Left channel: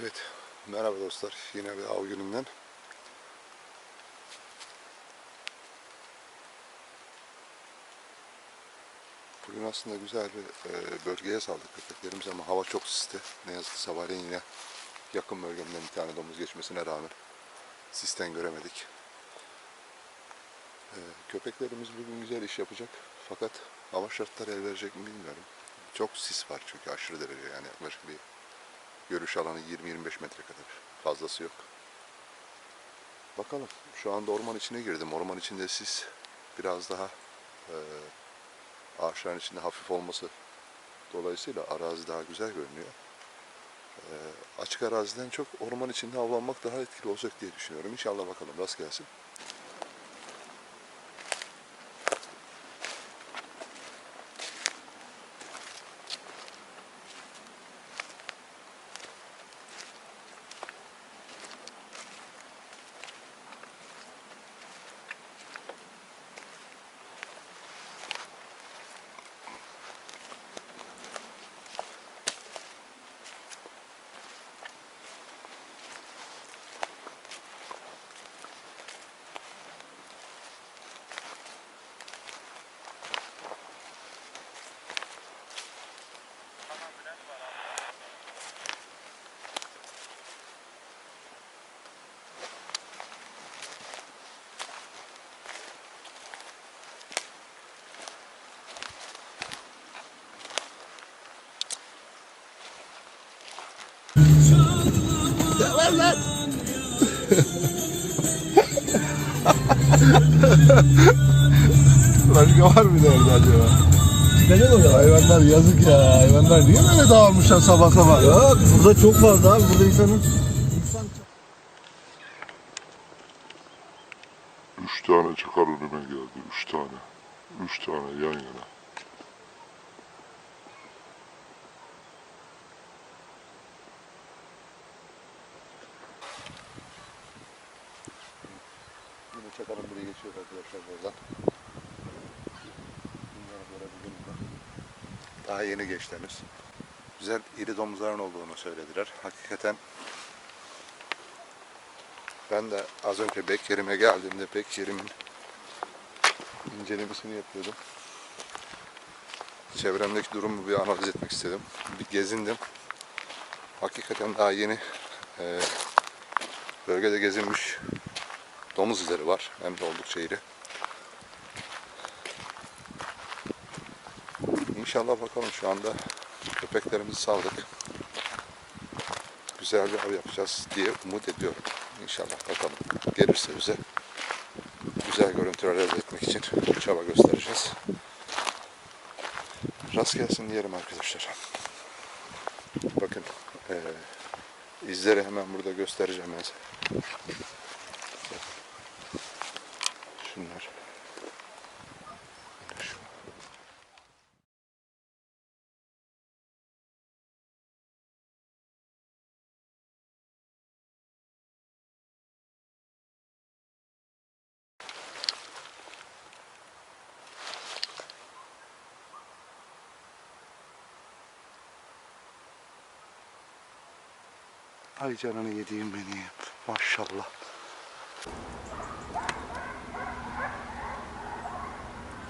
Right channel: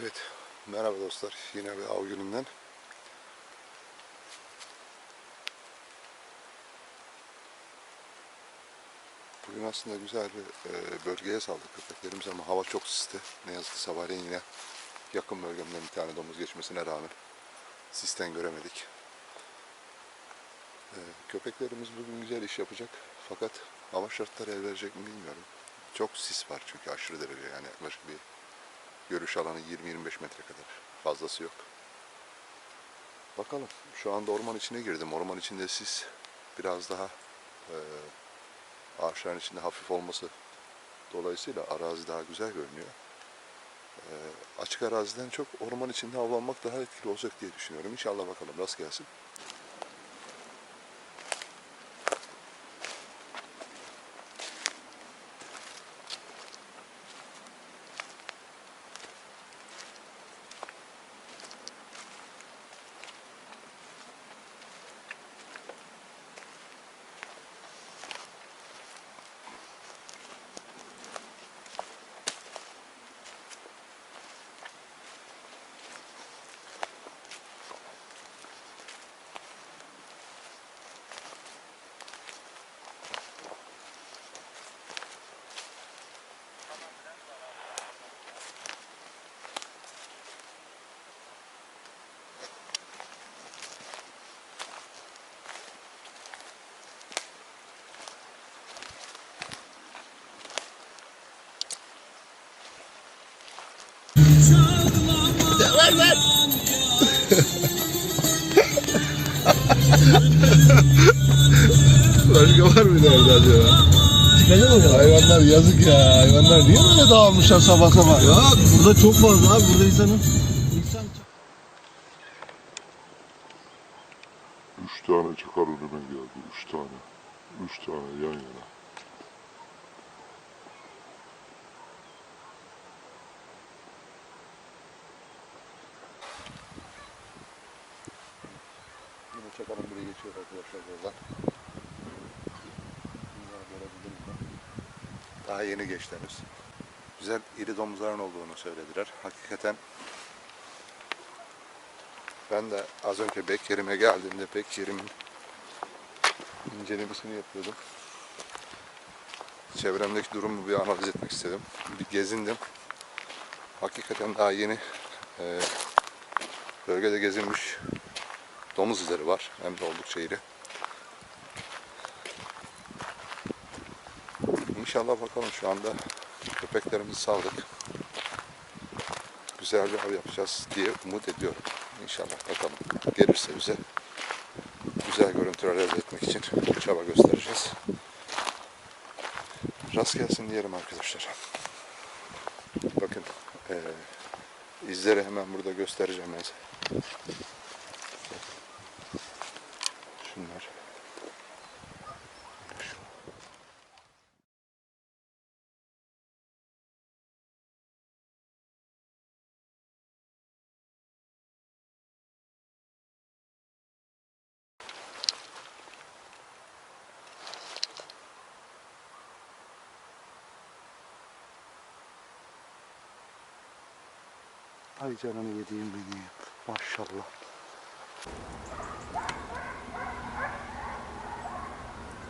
Evet, merhaba dostlar. Yine bir av gününden. Bugün aslında güzel bir e, bölgeye saldık köpeklerimiz ama hava çok sisti. Ne yazık ki sabahleyin yine yakın bölgemden bir tane domuz geçmesine rağmen sisten göremedik. E, köpeklerimiz bugün güzel iş yapacak fakat hava şartları el verecek mi bilmiyorum. Çok sis var çünkü aşırı derece yani yaklaşık bir Görüş alanı 20-25 metre kadar. Fazlası yok. Bakalım. Şu anda orman içine girdim. Orman içinde sis biraz daha e, ağaçların içinde hafif olması dolayısıyla arazi daha güzel görünüyor. E, açık araziden çok orman içinde avlanmak daha etkili olacak diye düşünüyorum. İnşallah bakalım. Rast gelsin. Başka var mı nerede acaba? Çıkacak. Hayvanlar yazık ya. Hayvanlar niye böyle dağılmışlar sabah sabah? Yok burada çok fazla abi. Burada insanın insan Üç tane çıkar önüme geldi. Üç tane. Üç tane yan yana. Çakalın biri geçiyor arkadaşlar buradan. Bunları görebildiniz mi? Daha yeni geçti henüz. Güzel iri domuzların olduğunu söylediler. Hakikaten ben de az önce Bekir'ime geldiğimde Bekir'imin incelemesini yapıyordum. Çevremdeki durumu bir analiz etmek istedim. Bir gezindim. Hakikaten daha yeni e, bölgede gezilmiş domuz izleri var. Hem de oldukça iri. İnşallah bakalım şu anda köpeklerimizi saldık. Güzel bir av yapacağız diye umut ediyorum. İnşallah bakalım. Gelirse bize güzel görüntüler elde etmek için çaba göstereceğiz. Rast gelsin diyelim arkadaşlar. Bakın eee, izleri hemen burada göstereceğim ben size. Şu. Ay canını yediğim beni. Maşallah.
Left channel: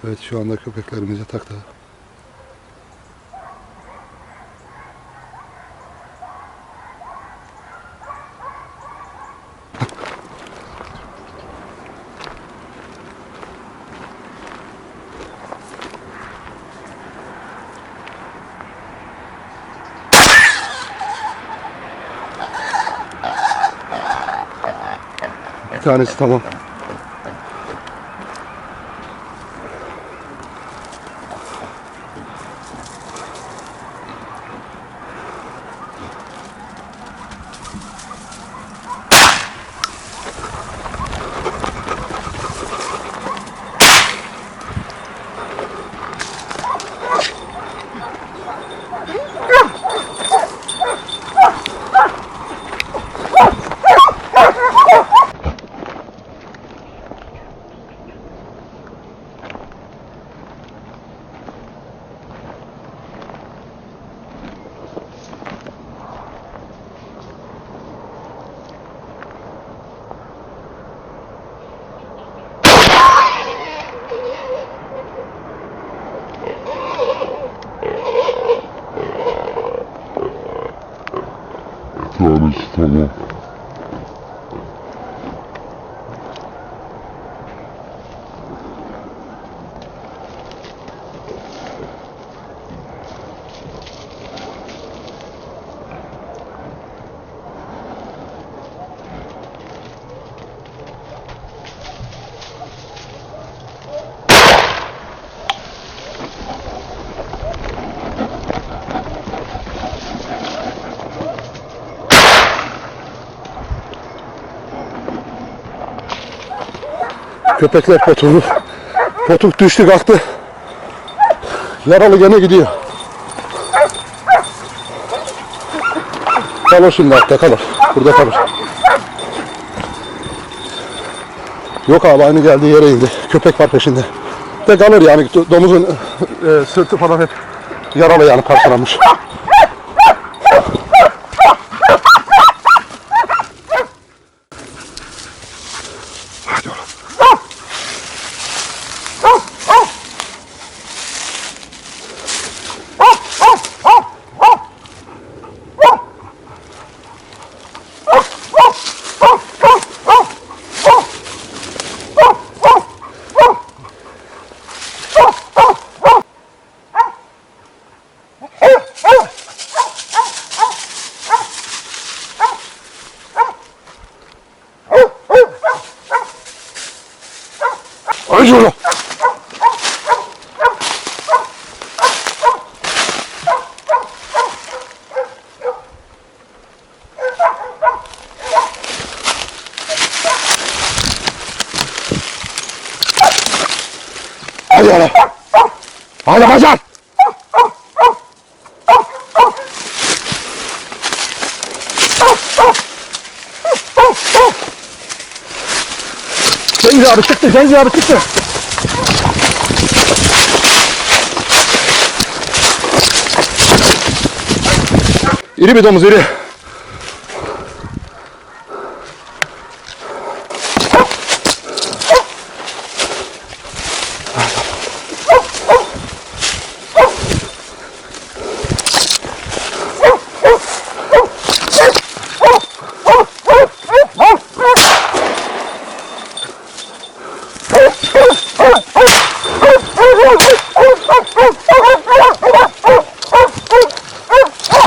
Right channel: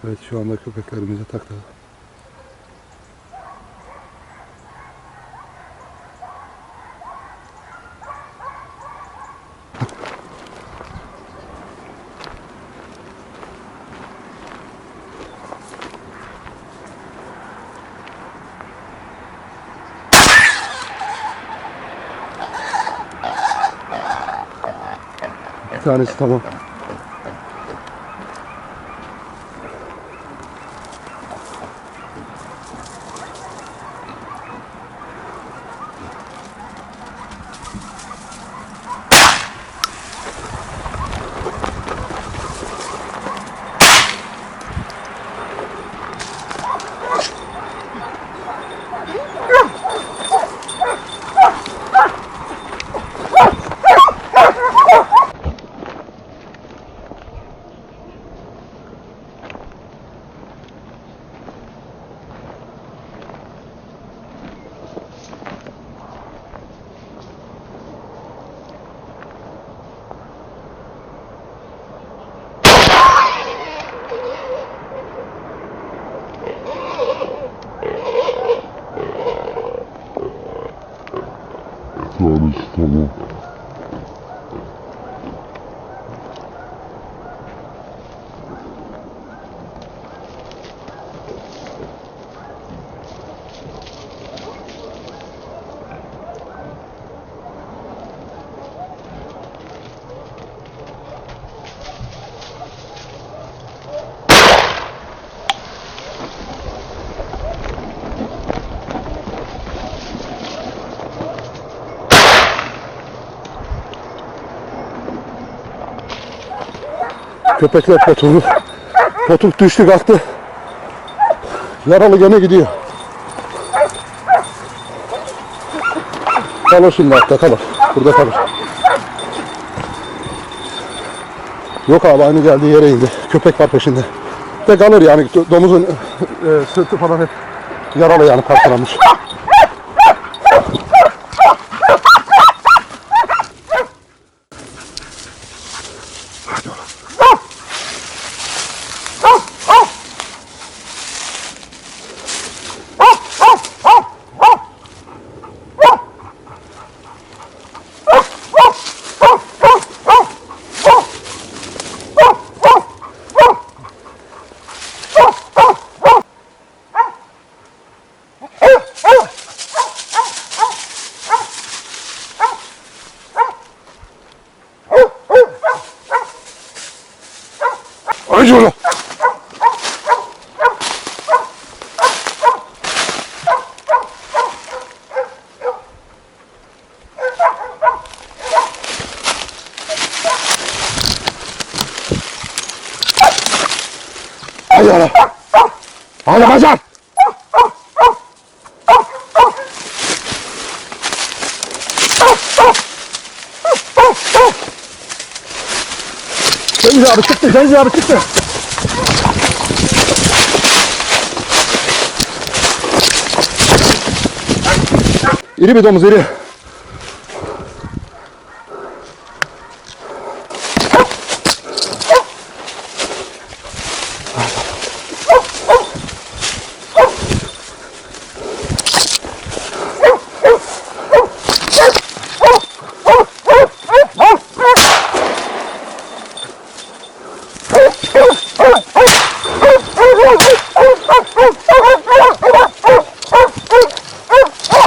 Evet şu anda köpeklerimiz yatakta. Bir tanesi tamam. Tanesi Köpekler potuğu. Potuk düştü kalktı. Yaralı gene gidiyor. Kalır şimdi hatta kalır. Burada kalır. Yok abi aynı geldiği yere indi. Köpek var peşinde. De kalır yani do- domuzun e, sırtı falan hep yaralı yani parçalanmış. Ay şunu. Hadi oğlum. Hadi kaçar. Cengiz abi çıktı, Cengiz abi çıktı. İri bir domuz, iri.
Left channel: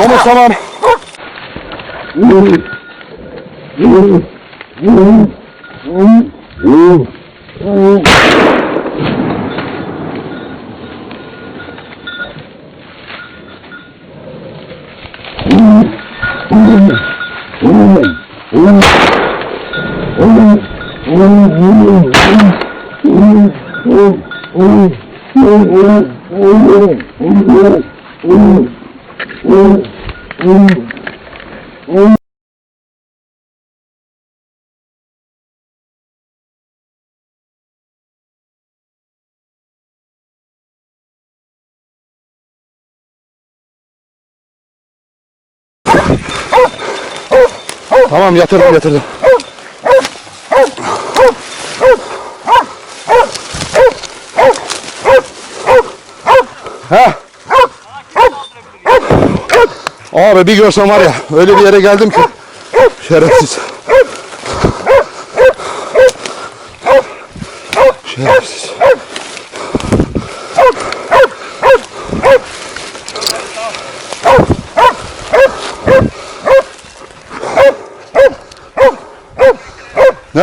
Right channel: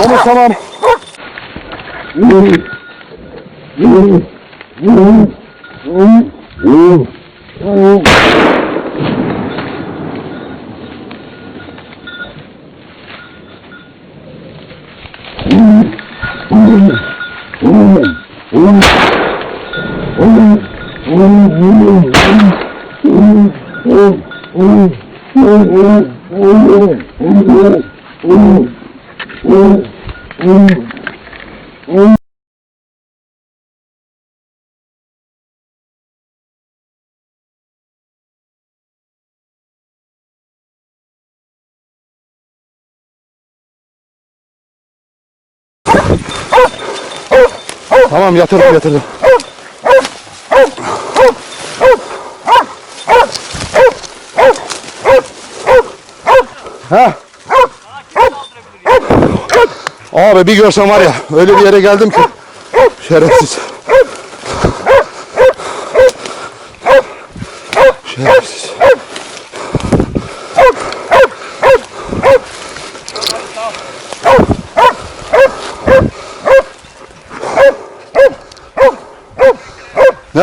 Domuz tamam. Tamam yatırdım yatırdım. Ha? Abi bir görsen var ya öyle bir yere geldim ki şerefsiz. Şerefsiz.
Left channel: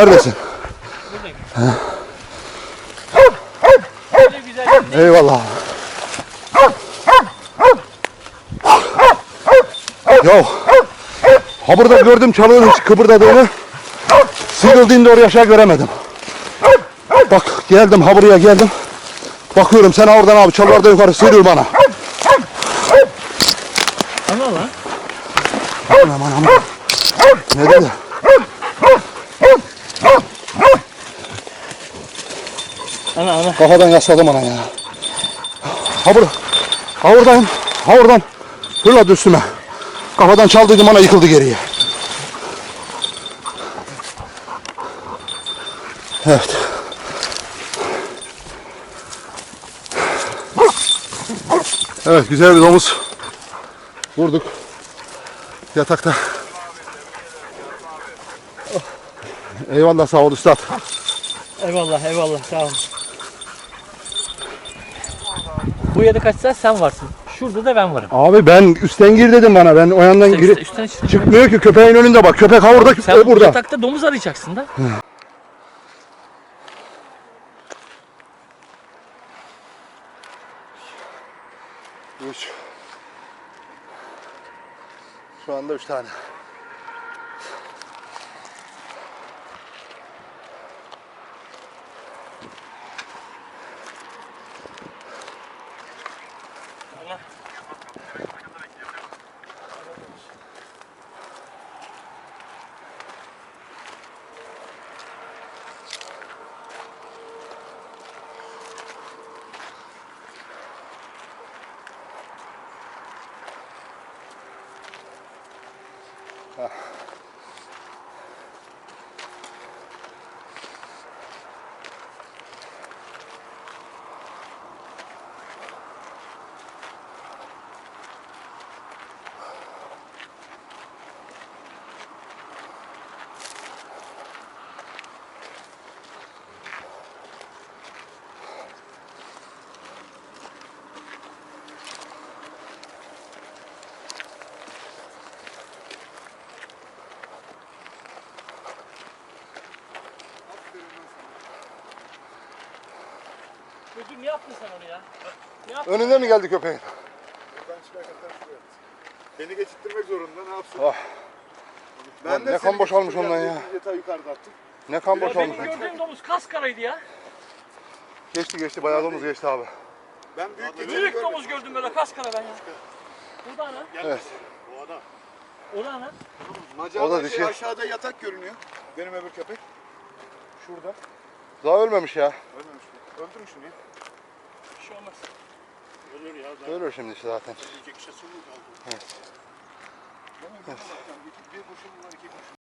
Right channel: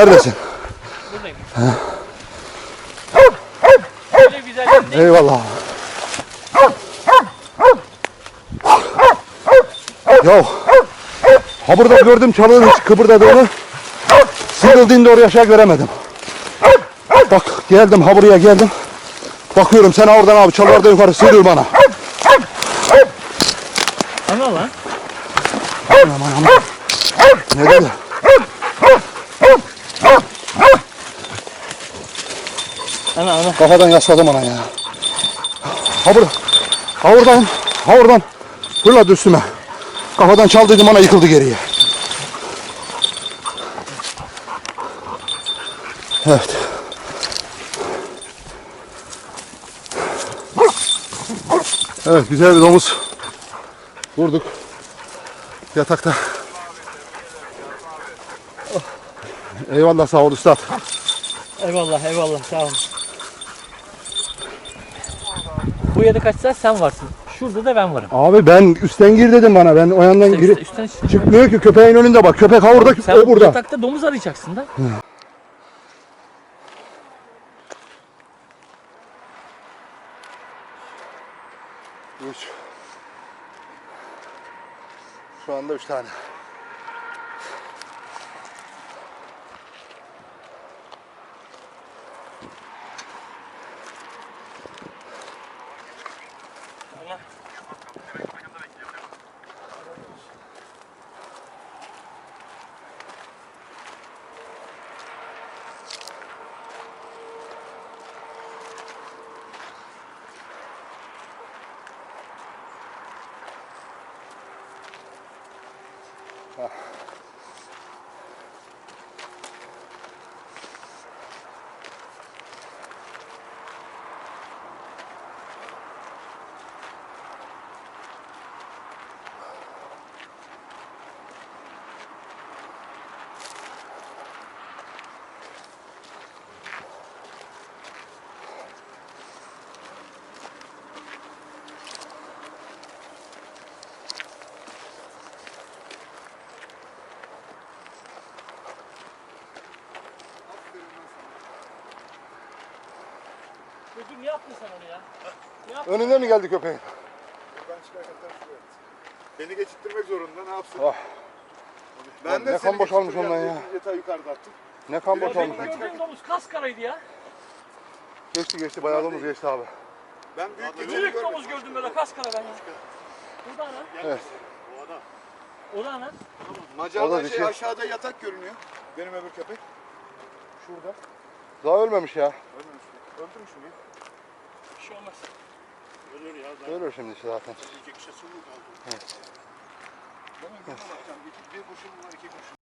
Neredesin? Eyvallah. Yo. Ha burada gördüm çalının hiç kıpırdadığını. Sıyrıldığında oraya aşağı göremedim. Bak geldim ha buraya geldim. Bakıyorum sen oradan abi çalılardan yukarı sıyrıl bana. Ana lan. Anam anam. Ne dedi? Ana ana. Kafadan yasladım ana ya. Ha burada. Ha oradan. Ha oradan. Fırladı üstüme. Kafadan çaldıydım ana yıkıldı geriye. Evet. Evet güzel bir domuz. Vurduk. Yatakta. Eyvallah sağ ol üstad. Eyvallah eyvallah sağ ol. Bu yerde kaçsa sen varsın. Şurada da ben varım. Abi ben üstten gir dedim bana. Ben o yandan gir. üstten, üstten çık. Çıkmıyor ki köpeğin önünde bak. Köpek ha orada, Sen o burada. yatakta domuz arayacaksın da. Üç. Şu anda üç tane. Uh, ne yaptın sen onu ya? Önünde mi geldi köpeğin? Buradan çıkarken ters şuraya. Beni geçittirmek zorunda ne yapsın? Ah. Ben Lan de ne kan boşalmış ondan ya. Yatağı yukarıda attım. Ne kan Ya boşalmış. benim gördüğüm domuz kaskaraydı ya. Geçti geçti bayağı domuz geçti abi. Ben büyük Büyük domuz gördüm böyle kaskara ben ya. Burada ana. Evet. O da ana. O da şey dişi. aşağıda yatak görünüyor. Benim öbür köpek. Şurada. Daha ölmemiş ya. Ölmemiş mi? Öldürün şunu ya. Bir şey olmaz. Ölür şimdi işte zaten. Değil mi? Bir kurşun var, iki kurşun.